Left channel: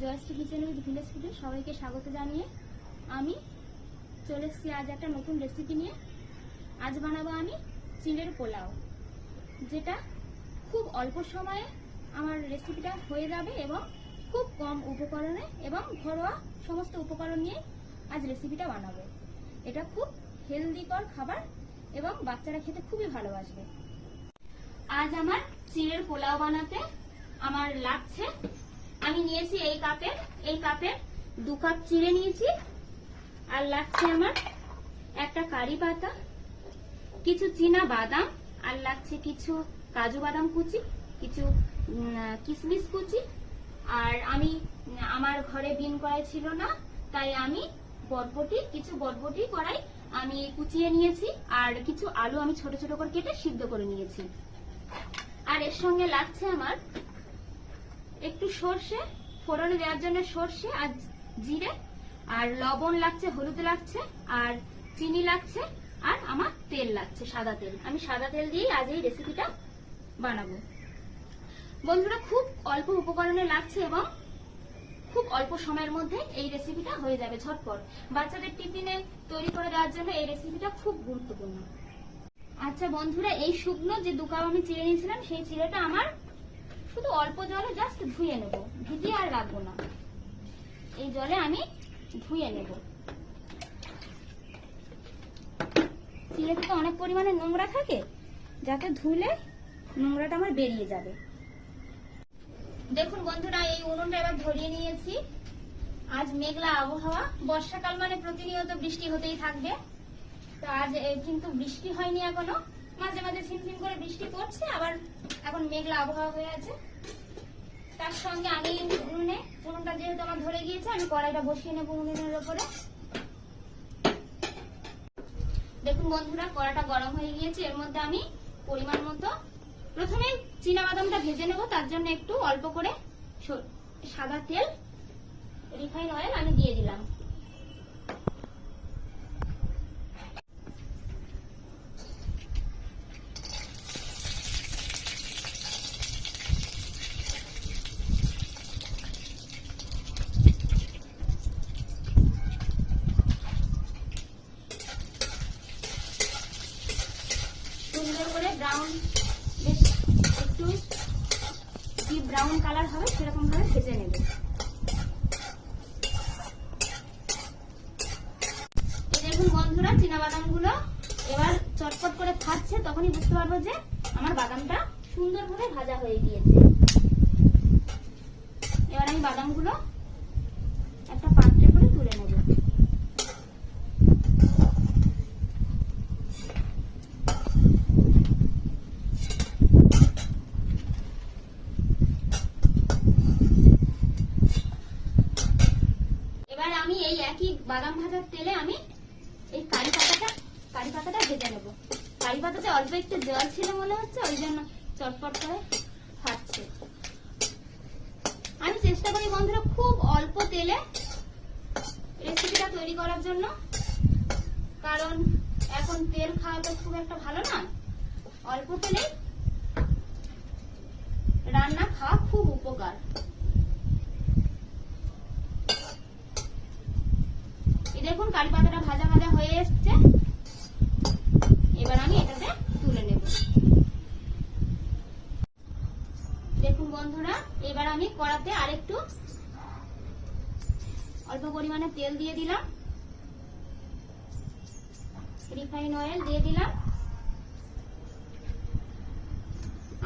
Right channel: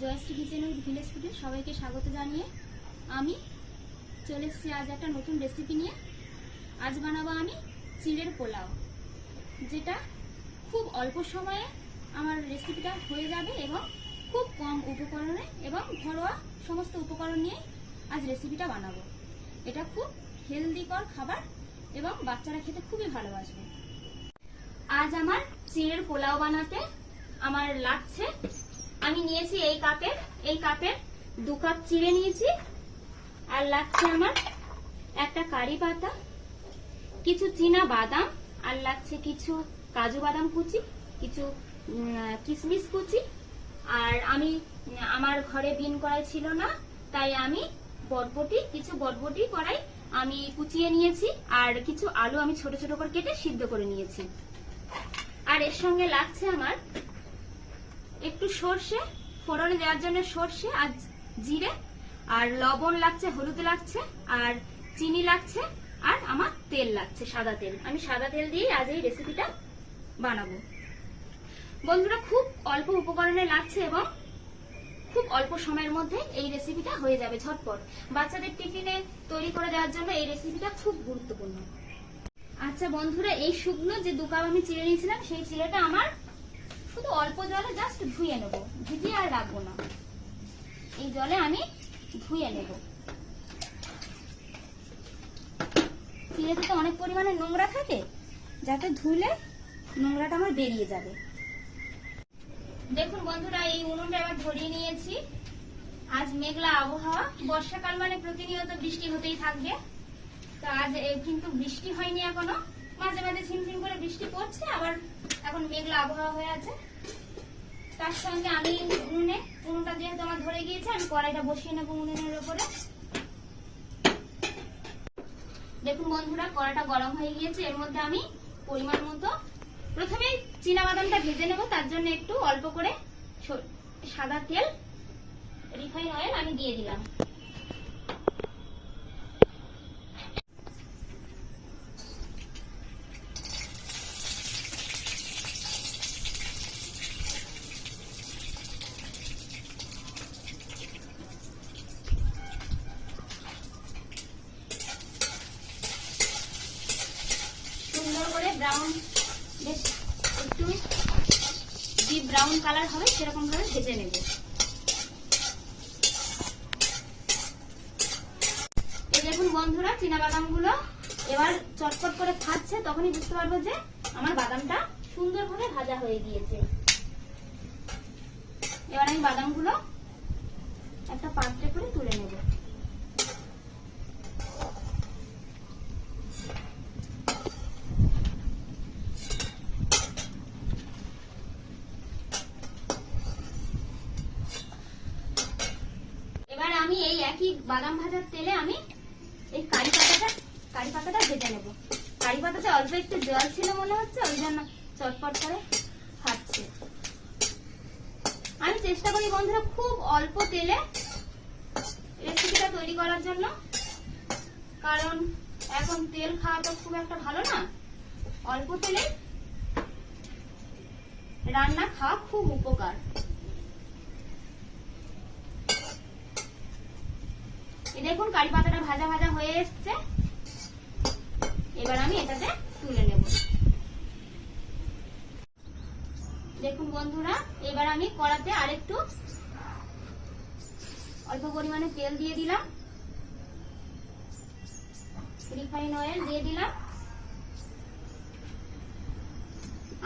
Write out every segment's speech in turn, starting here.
Jayashree kitchen with village ফুডে সবাইকে স্বাগত জানিয়ে আমি চলে এসেছি আজ একটা নতুন রেসিপি নিয়ে। আজ বানাবো আমি চিড়ের পোলাও, যেটা খুব অল্প সময়ে আমার রেসিপিটা হয়ে যাবে এবং খুব কম উপকরণে এবং ঘরোয়া সমস্ত উপকরণ নিয়ে আজ রেসিপিটা বানাবো। এটা খুব হেলদিকর খাবার এবং বাচ্চারা খেতে খুবই ভালোবাসবে। আজ আমার চিড়ের পোলাও বানাতে আমার লাগছে, আমি নিয়েছি এই কাপের 2 কাপ চিড়ে নিয়েছি, আর লাগছে আমার একটা কারি পাতা, কিছু চীনা বাদাম, আর লাগছে কিছু কাজু বাদাম কুচি, কিছু কিশমিশ কুচি, আর আমি আমার ঘরে বিন কড়াই ছিল না, তাই আমি কিছু বটবটি কড়াই আমি কুচিয়ে নিয়েছি, আর কিছু আলু আমি ছোট ছোট করে কেটে সিদ্ধ করে নিয়েছি। আর এর সঙ্গে লাগছে আমার একটু সর্ষে, ফোড়নে দেওয়ার জন্য সর্ষে আর জিরে, আর লবণ লাগছে, হলুদ লাগছে, আর চিনি লাগছে, আর আমার তেল লাগছে, সাদা তেল। আমি সাদা তেল দিয়ে আজ এই রেসিপিটা বানাবো। বন্ধুরা, খুব অল্প উপকরণে লাগছে এবং খুব অল্প সময়ের মধ্যে এই রেসিপিটা হয়ে যাবে ঝটপট। বাচ্চাদের টিফিনে তৈরি করে দেওয়ার জন্য এই রেসিপিটা খুব গুরুত্বপূর্ণ। আচ্ছা বন্ধুরা, এই শুকনো যে 2 কাপ আমি চিড়ে নিয়েছিলাম, সেই চিড়েটা আমার শুধু অল্প জলে জাস্ট ধুয়ে নেব, ভিজিয়ে আর রাখবো না, এই জলে আমি ধুয়ে নেব। চিড়েতে তো অনেক পরিমাণে নোংরা থাকে, যাতে ধুলে নোংরাটা আমার বেরিয়ে যাবে। দেখুন বন্ধুরা, এই উনুনটা এবার ধরিয়ে নিয়েছি। আজ মেঘলা আবহাওয়া, বর্ষাকাল মানে প্রতিনিয়ত বৃষ্টি হতেই থাকবে। তো আজ কিন্তু বৃষ্টি হয়নি এখনো, মাঝে মাঝে ঝিমঝিম করে বৃষ্টি পড়ছে, আবার এখন মেঘলা আবহাওয়া হয়ে আছে। তার সঙ্গে আমি উনুনটা যেহেতু আমার ধরে গিয়েছে, আমি কড়াইটা বসিয়ে নেবো উনুনের উপরে। দেখুন বন্ধুরা, কড়াইটা গরম হয়ে গিয়েছে। এর মধ্যে আমি পরিমাণ মতো প্রথমে চীনা বাদামটা ভেজে নেব, তার জন্য একটু অল্প করে সাদা তেল, রিফাইন অয়েল আমি দিয়ে দিলাম। সুন্দর করে ব্রাউন, বেশ একটু ডিপ ব্রাউন কালার হবে সেরকম ভাবে ভেজে নেব। দেখুন বন্ধুরা, চীনা বাদামগুলো এবার চটচট করে ভাজছে, তখনই বুঝতে পারবো যে আমার বাদামটা সুন্দরভাবে ভাজা হয়ে গিয়েছে। এবার আমি বাদামগুলো একটা পাত্রে করে তুলে নেব। এবার আমি এই একই বাদাম ভাজার তেলে আমি এই কারি পাতাটা ভেজে নেব। কারি পাতাতে অল্প একটু জল ছিল মনে হচ্ছে, ওই জন্য চটপট করে ফাটছে। আমি চেষ্টা করি বন্ধুরা খুব অল্প তেলে রেসিপিটা তৈরি করার জন্য, কারণ এখন তেল খাওয়া তো খুব একটা ভালো না। অল্প তেলে রান্না খাওয়া খুব উপকার। দেখুন কারি পাতাটা ভাজা ভাজা হয়ে এসছে, এবার আমি এটাতে তুলে নেব। দেখুন বন্ধুরা, এবার আমি কড়াতে আরেকটু অল্প পরিমাণে তেল দিয়ে দিলাম, রিফাইন অয়েল দিয়ে দিলাম।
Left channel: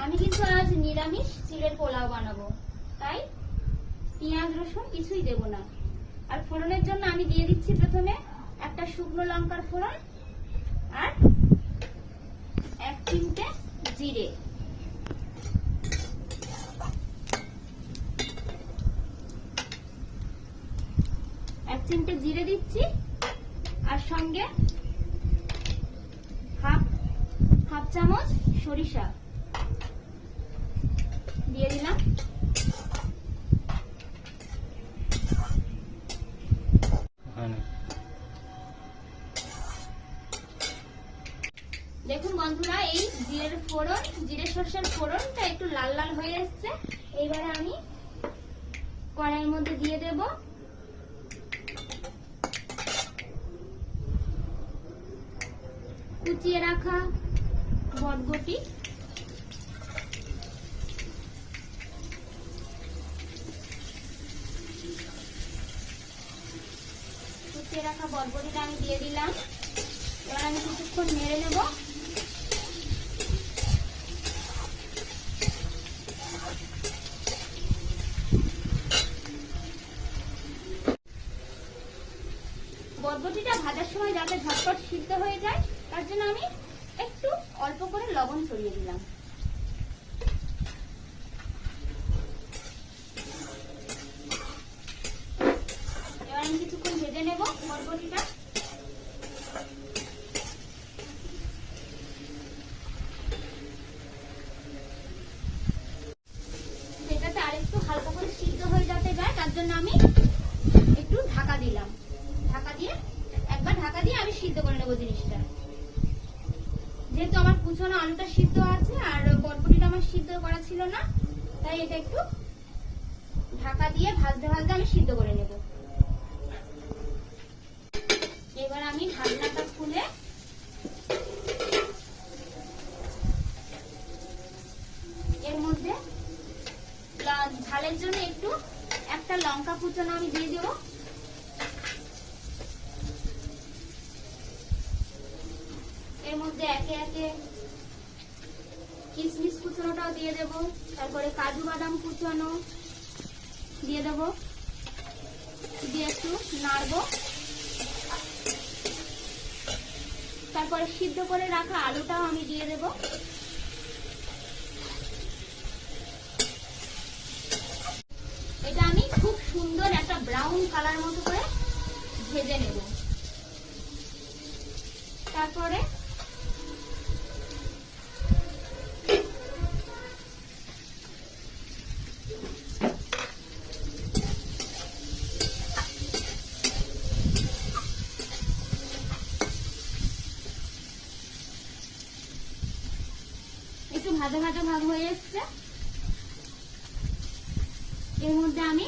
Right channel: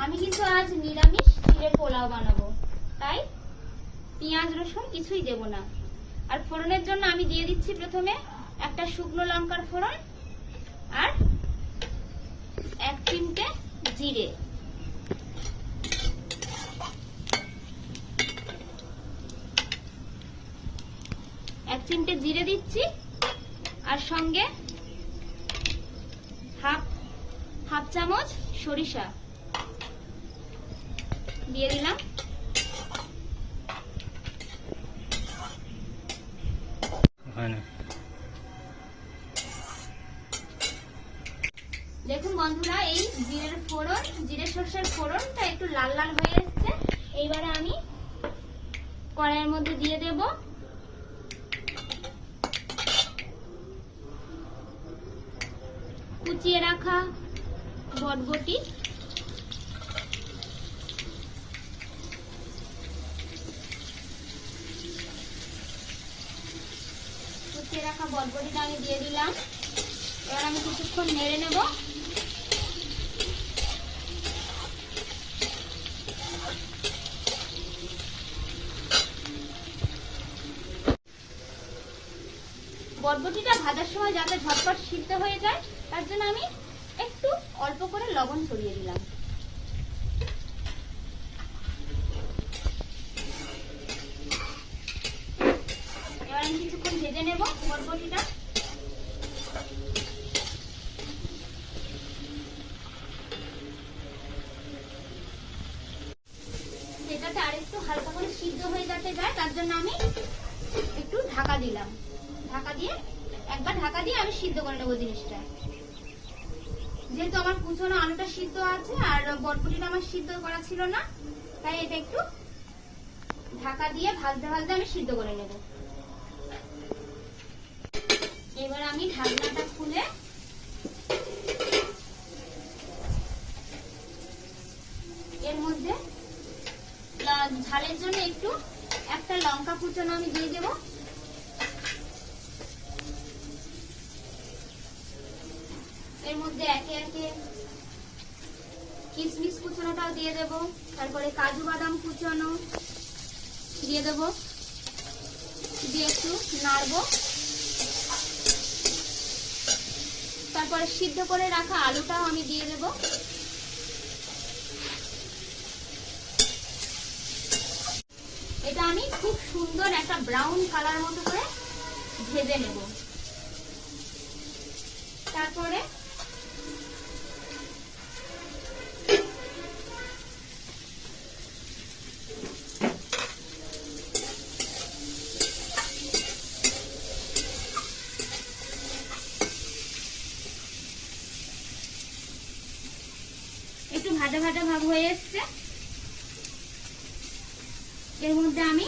আমি কিন্তু আজ নিরামিষ চিড়ের পোলাও বানাবো, তাই পেঁয়াজ রসুন কিছুই দেব না। আর ফোড়নের জন্য আমি দিয়ে দিচ্ছি প্রথমে একটা শুকনো লঙ্কার ফোড়ন, আর 1 চিমটে জিরে, দিচ্ছি, আর সঙ্গে হাফ চামচ সরিষা দিয়ে দিলাম। দেখুন বন্ধুরা, এই জিরে সরষের ফোড়নটা একটু লাল লাল হয়ে এসছে। এইবারে আমি কড়াইয়ের মধ্যে দিয়ে দেব কুচিয়ে রাখা বটবটি, কুচিয়ে রাখা বটবটিটা আমি দিয়ে দিলাম। এবার আমি কিছুক্ষণ নেড়ে নেব। বটবটিটা ভাজার সময় যাতে ঝটপট সিদ্ধ হয়ে যায় তার জন্য আমি একটু অল্প করে লবণ ছড়িয়ে দিলাম। এবার আমি কিছুক্ষণ ভেজে নেব বটবটিটা। সেটাতে আরেকটু হালকা করে সিদ্ধ হয়ে যাতে যায় তার জন্য আমি একটু ঢাকা দিলাম। একবার ঢাকা দিয়ে আমি সিদ্ধ করে নেবো জিনিসটা। যেহেতু আমার কুচনো আলুটা সিদ্ধ আছে আর বটবটিটা আমার সিদ্ধ করা ছিল না, তাই এটা একটু ঢাকা দিয়ে ভাজতে ভাজতে আমি সিদ্ধ করে নেব। এবার আমি ঢাকনাটা খুলে এর মধ্যে ঝালের জন্য একটু একটা লঙ্কা কুচনো আমি দিয়ে দেব। এর মধ্যে একে একে কিশমিশ কুচনোটাও দিয়ে দেব, তারপরে কাজু বাদাম কুচনো দিয়ে দেব, দিয়ে একটু নাড়বো। তারপরে সিদ্ধ করে রাখা আলুটাও আমি দিয়ে দেব। এটা আমি খুব সুন্দর একটা ব্রাউন কালার মতো করে ভেজে নেব। তারপরে একটু ভাজা ভাজা ভাব হয়ে এসছে। এর মধ্যে আমি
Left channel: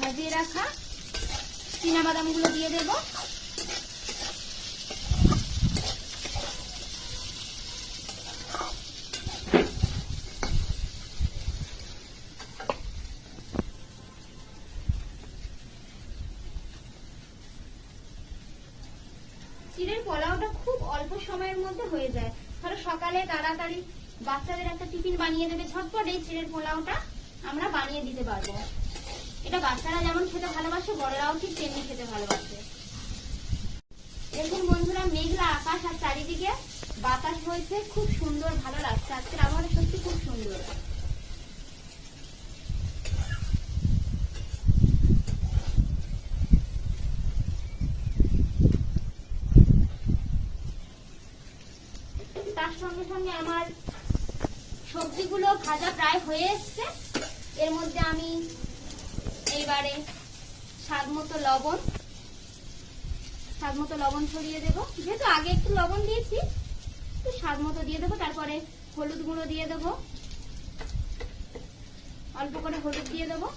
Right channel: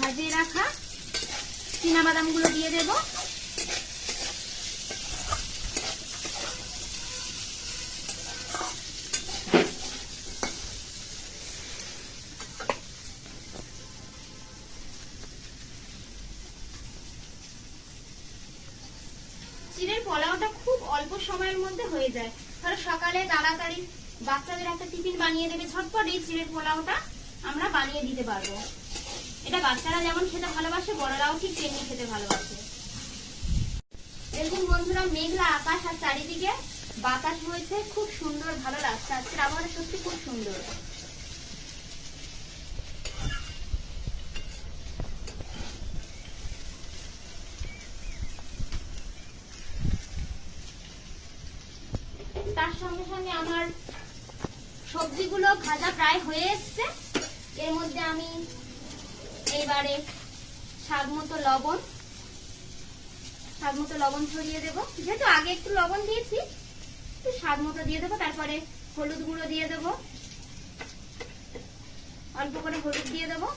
ভাজিয়ে রাখা চীনাবাদাম গুলো দিয়ে দেব। চিড়ের পোলাওটা খুব অল্প সময়ের মধ্যে হয়ে যায়। ধরো সকালে তাড়াতাড়ি বাচ্চাদের একটা টিফিন বানিয়ে দেবে ঝটপট, এই চিড়ের পোলাওটা আমরা বানিয়ে দিতে পারবো। এটা বাচ্চারা যেমন খেতে ভালোবাসে, বড়রাও ঠিক তেমনি খেতে ভালোবাসে। দেখুন বন্ধুরা, মেঘলা আকাশ আর চারিদিকে বাতাস বইছে, খুব সুন্দর ভালো লাগছে। আজকের আবহাওয়া সত্যি খুব সুন্দর। তার সঙ্গে সঙ্গে আমার সবজিগুলো ভাজা প্রায় হয়ে এসছে। এর মধ্যে আমি এইবারে স্বাদ মতো লবণ ছড়িয়ে দেবো। যেহেতু আগে একটু লবণ দিয়েছি, একটু স্বাদ মতো দিয়ে দেবো। তারপরে হলুদ গুঁড়ো দিয়ে দেবো, অল্প করে হলুদ দিয়ে দেবো।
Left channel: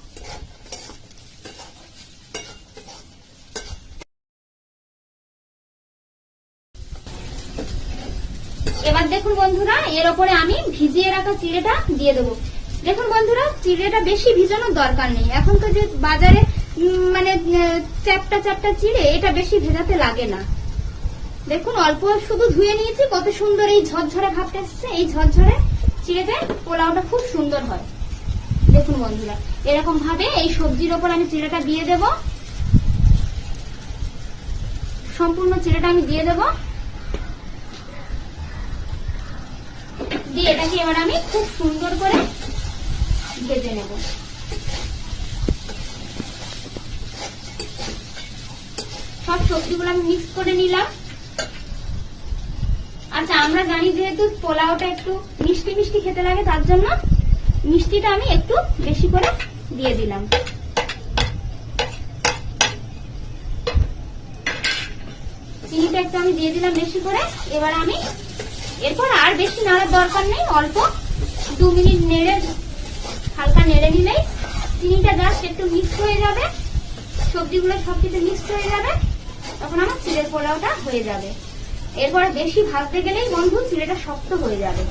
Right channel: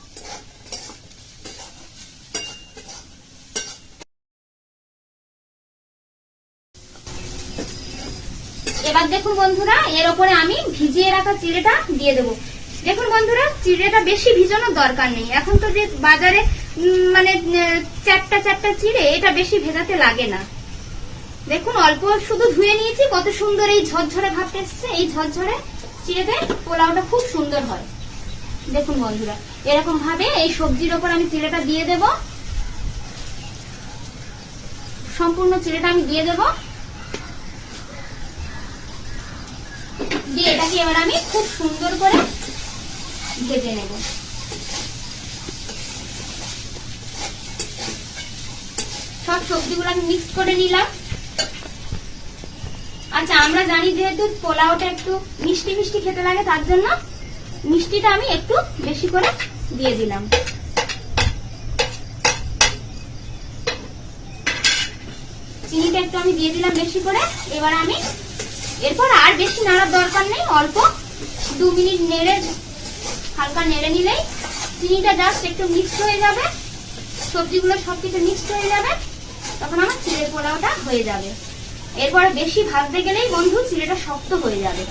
এবার দেখুন বন্ধুরা, এর উপরে আমি ভিজিয়ে রাখা চিড়েটা দিয়ে দেবো। দেখুন বন্ধুরা, চিড়েটা বেশি ভিজানোর দরকার নেই। এখন তো যে বাজারে মানে চ্যাপটা চিড়ে, এটা বেশি ভেজাতে লাগে না। দেখুন অল্প শুধু ধুয়ে নিয়েছি, কত সুন্দর এই ঝরঝরে ভাবটা এসছে। এই ঝরঝরে চিড়েতে পোলাওটা খুব সুন্দর হয়। দেখুন বন্ধুরা, এরকম ভাবে এই সবজির ওপর আমি চিড়েটা দিয়ে দেব। সম্পূর্ণ চিড়েটা আমি দিয়ে দেব। দিয়ে এটাকে এবার আমি খুব সুন্দর করে ভেজে নেব। সব সবজিগুলো আমি মিক্স করে নিলাম। আচ্ছা, আমরা জানি যেহেতু পোলাওটা একটু মিষ্টি মিষ্টি খেতে লাগে, তার জন্য মিষ্টিটা আমি একটু বেশি করে দিয়ে দিলাম। চিনিটা একটু আমি দিয়ে দিলাম বেশি করে। এবার আমি এরপর আর বেশি নাড়ার দরকার নেই, অল্প 2 মিনিট হালকা নেড়ে নিলেই চিনিটা জাস্ট একটু মিক্সড হয়ে যাবে, সবজিগুলো সবকিছু মিক্সড হয়ে যাবে, তখন আমার চিড়ের পোলাওটা হয়ে যাবে। এরপরে বেশি ভাজতে গেলেই বন্ধু চিড়েটা শক্ত হয়ে যাবে।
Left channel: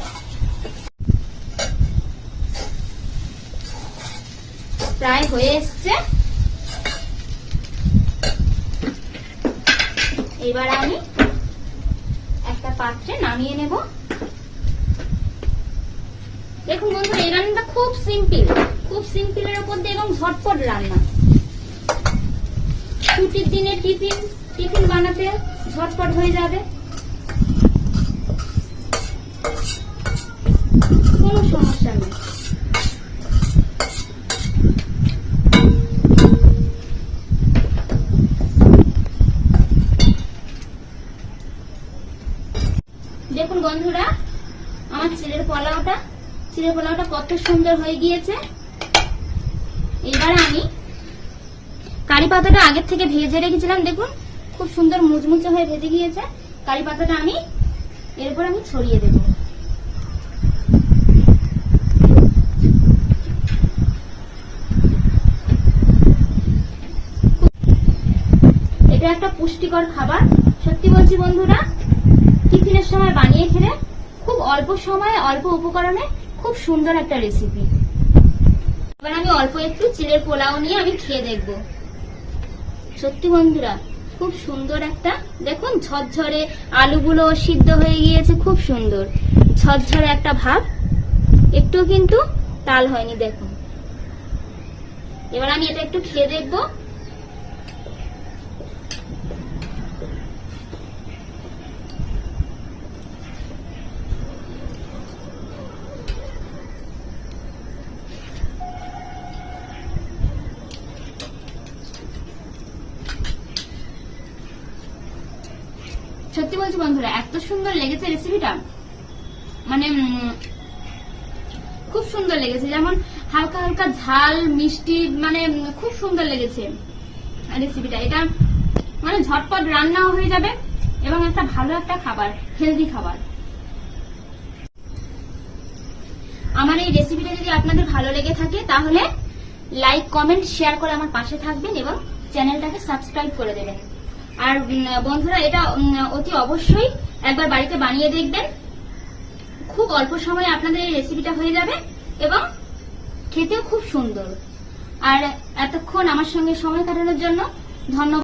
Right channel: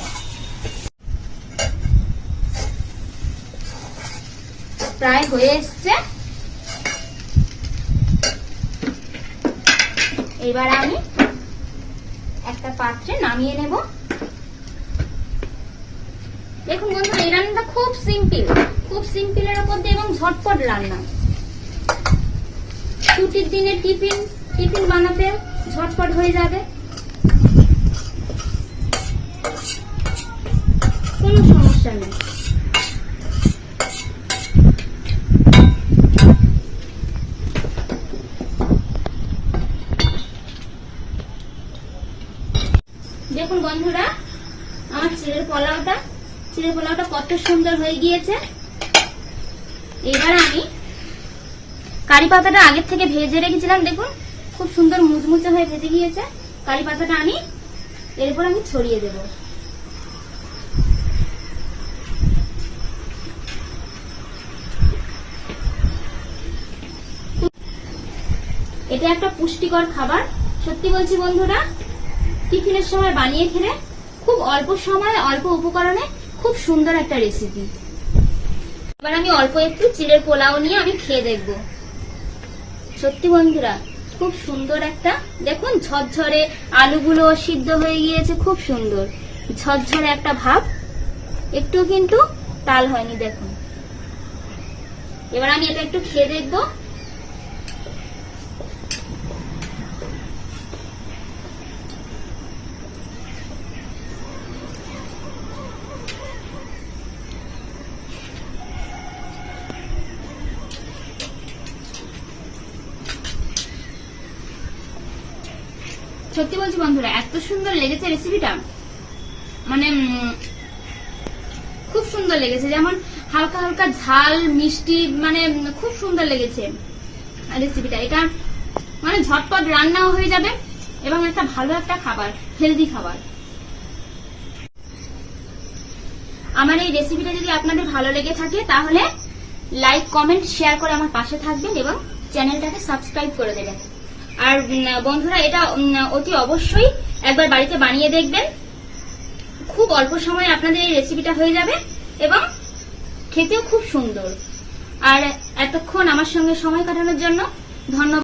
প্রায় হয়ে এসছে। এবার আমি একটা পাত্রে নামিয়ে নেব। দেখুন বন্ধু, এই রান্নাটা খুব সিম্পলের উপর দিয়ে এবং ঝটপট রান্না। ছুটির দিনে টিফিন বানাতে ঝটপট হয়ে যাবে, কোনো সমস্যা নেই। দেখুন বন্ধুরা, আমার চিড়ের পোলাওটা কত সুন্দর হয়ে গিয়েছে। এবার আমি কারি পাতাটা আগের থেকে ভেজে রেখেছিলাম, দেখুন খুব সুন্দর মুচমুচে হয়ে ভেজে গিয়েছে। কারি পাতাটা আমি এরপর আমি ছড়িয়ে দেব। এটা একটা পুষ্টিকর খাবার, সত্যি বলছি বন্ধুরা, টিফিনের সময় বানিয়ে খেলে খুব অল্প সময়ে অল্প উপকরণে খুব সুন্দর একটা রেসিপি। এবার আমি অল্প একটু চিড়ের পোলাও নিয়ে আমি খেয়ে দেখব। সত্যি বন্ধুরা, খুব সুন্দর একটা, দেখুন ঝরঝরে আলুগুলো সিদ্ধ হয়ে গিয়েছে, খুব সুন্দর ঝরঝরে একটা ভাব, একটু কিন্তু টাল হয়নি। দেখুন, এবার আমি এটা একটু খেয়ে দেখবো। সত্যি বলছি বন্ধুরা, এত সুন্দর লেগেছে রেসিপিটা, মানে খুব সুন্দর লেগেছে। যেমন হালকা হালকা ঝাল মিষ্টি, মানে খুব সুন্দর লেগেছে রেসিপিটা। এটা মানে ঝটপট রান্নাও হয়ে যাবে এবং একটা ভালো একটা খাবার, হেলদি খাবার। আমার এই রেসিপিটা যদি আপনাদের ভালো লেগে থাকে তাহলে লাইক কমেন্ট শেয়ার করে আমার পাশে থাকবেন এবং চ্যানেলটাকে সাবস্ক্রাইব করে দেবেন। আর বন্ধুরা, এটা অতি অবশ্যই একবার বাড়িতে বানিয়ে দেখবেন। খুব অল্প সময়ে আপনাদের এই রেসিপিটা হয়ে যাবে এবং খেতেও খুব সুন্দর। আর এতক্ষণ আমার সঙ্গে সময় কাটানোর জন্য ধন্যবাদ।